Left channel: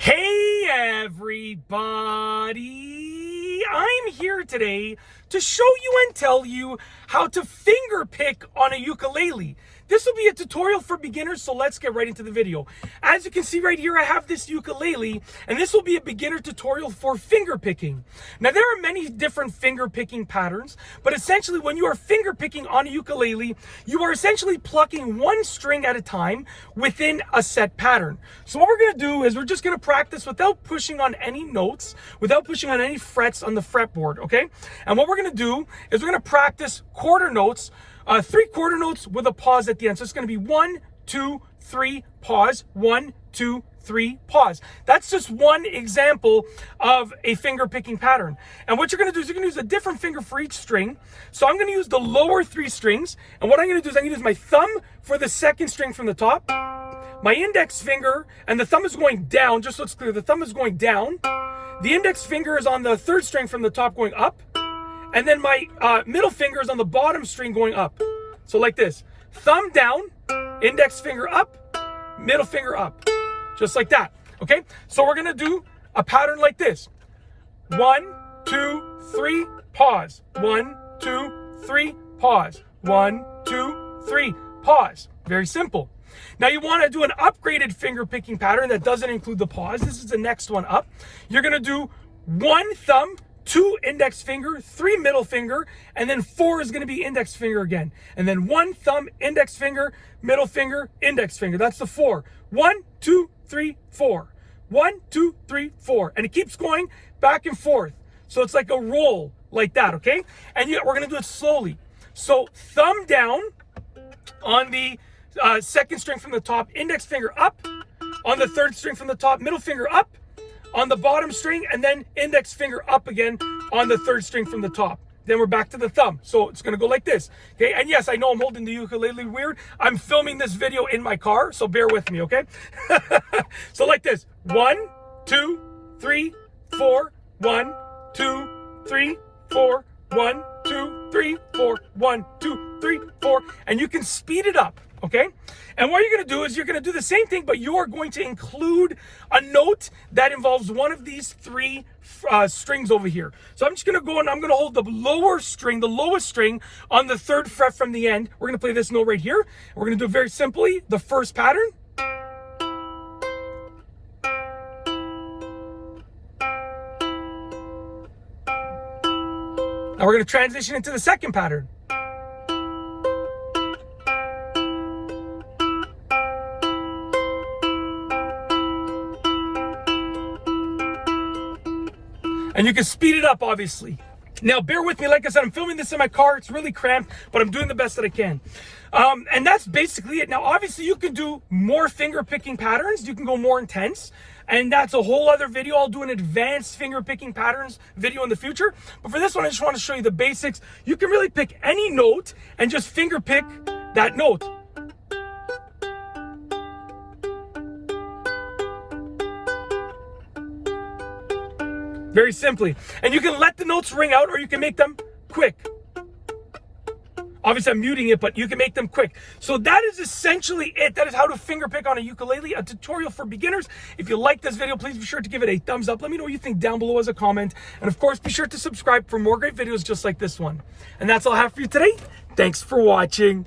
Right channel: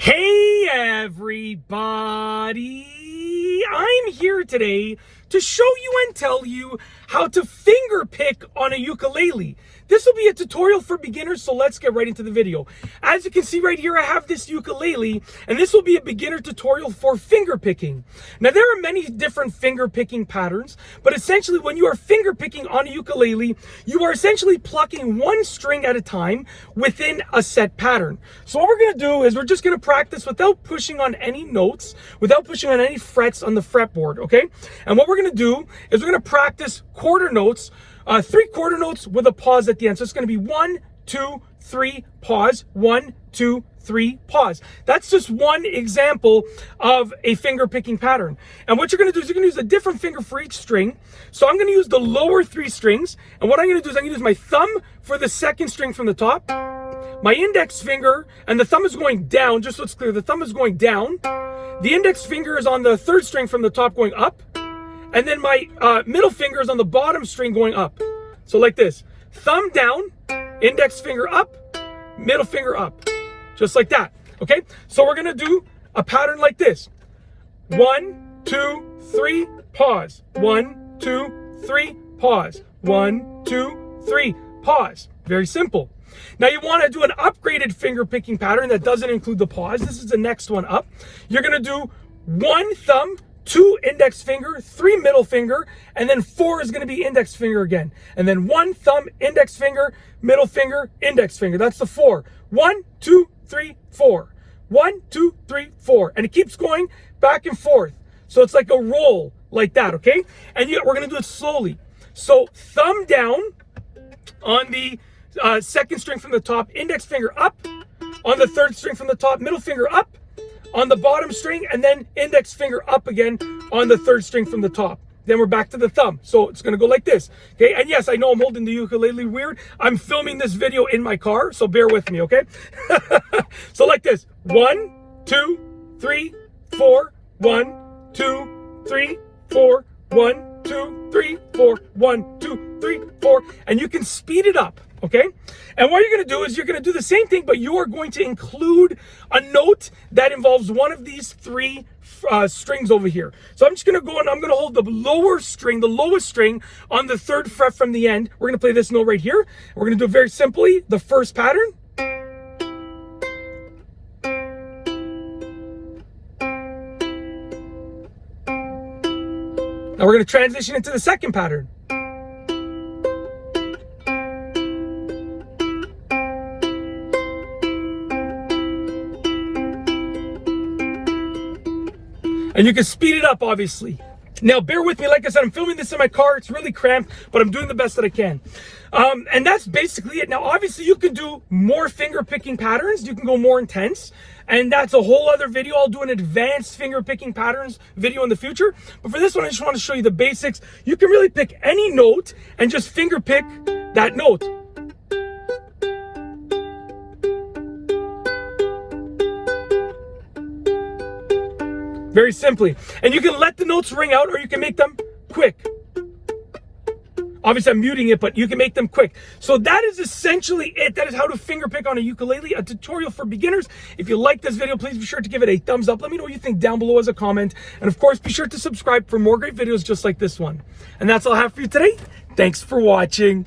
Hey everybody, I'm here today to show you and tell you how to finger pick on a ukulele. This will be a tutorial for beginners, so let's get right into the video. As you can see right here, I have this ukulele, and this will be a beginner tutorial for finger picking. Now, there are many different finger picking patterns, but essentially when you are finger picking on a ukulele, you are essentially plucking one string at a time within a set pattern. So what we're gonna do is we're just gonna practice without pushing on any notes, without pushing on any frets on the fretboard, okay? And what we're gonna do is we're gonna practice quarter notes, 3 quarter notes with a pause at the end. So it's going to be 1, 2, 3, pause, 1, 2, 3, pause. That's just one example of a finger picking pattern. And what you're going to do is you're going to use a different finger for each string. So I'm going to use the lower 3 strings. And what I'm going to do is I'm going to use my thumb for the second string from the top, my index finger, and the thumb is going down, just so it's clear. The thumb is going down. The index finger is on the 3rd string from the top going up. And then my middle finger is on the bottom string going up. So like this, thumb down, index finger up, middle finger up, just like that, okay? So we're gonna do a pattern like this. 1, 2, 3, pause. 1, 2, 3, pause. 1, 2, 3, pause. Very simple. Now you wanna do an upgraded finger picking pattern that doesn't include the pause. This is the next one up. You're gonna do 1 thumb, 2 index finger, 3 middle finger, and then 4 is going to be index finger again. And then 1 thumb, index finger, middle finger, index finger. That's the 4. 1, 2, 3, 4. 1, 2, 3, 4. And it keeps going back and forth. So it's like a roll like that, okay? And we're going to do it slowly. So thumb down on the 2nd string from the top, index finger up. On the 3rd string from the top, middle finger up. On the bottom string, and then index finger up again on the 3rd string from the top. Then we're back to the thumb. So it's gonna go like this, okay? And yes, I know I'm holding the ukulele weird. I'm filming this video in my car, so bear with me, okay? So like this, 1, 2, 3, 4, 1, 2, 3, 4, 1, 2, 3, 4, 1, 2, 3, 4, and you can speed it up. Okay, and what you're going to do is you're going to do the same thing, but you are going to include a note that involves one of these 3 strings over here. So I'm just going to go and I'm going to hold the lower string, the lowest string on the 3rd fret from the end. We're going to play this note right here. We're going to do it very simply, the first pattern. Now we're going to transition into the second pattern. And you can speed it up, obviously. Now, bear with me. Like I said, I'm filming this in my car. It's really cramped, but I'm doing the best that I can. And that's basically it. Now, obviously, you can do more finger picking patterns. You can go more intense. And that's a whole other video. I'll do an advanced finger picking patterns video in the future. But for this one, I just want to show you the basics. You can really pick any note and just finger pick that note. Very simply. And you can let the notes ring out or you can make them quick. Obviously, I'm muting it, but you can make them quick. So that is essentially it. That is how to finger pick on a ukulele, a tutorial for beginners. If you like this video, please be sure to give it a thumbs up. Let me know what you think down below as a comment. And of course, be sure to subscribe for more great videos just like this one. And that's all I have for you today. Thanks for watching.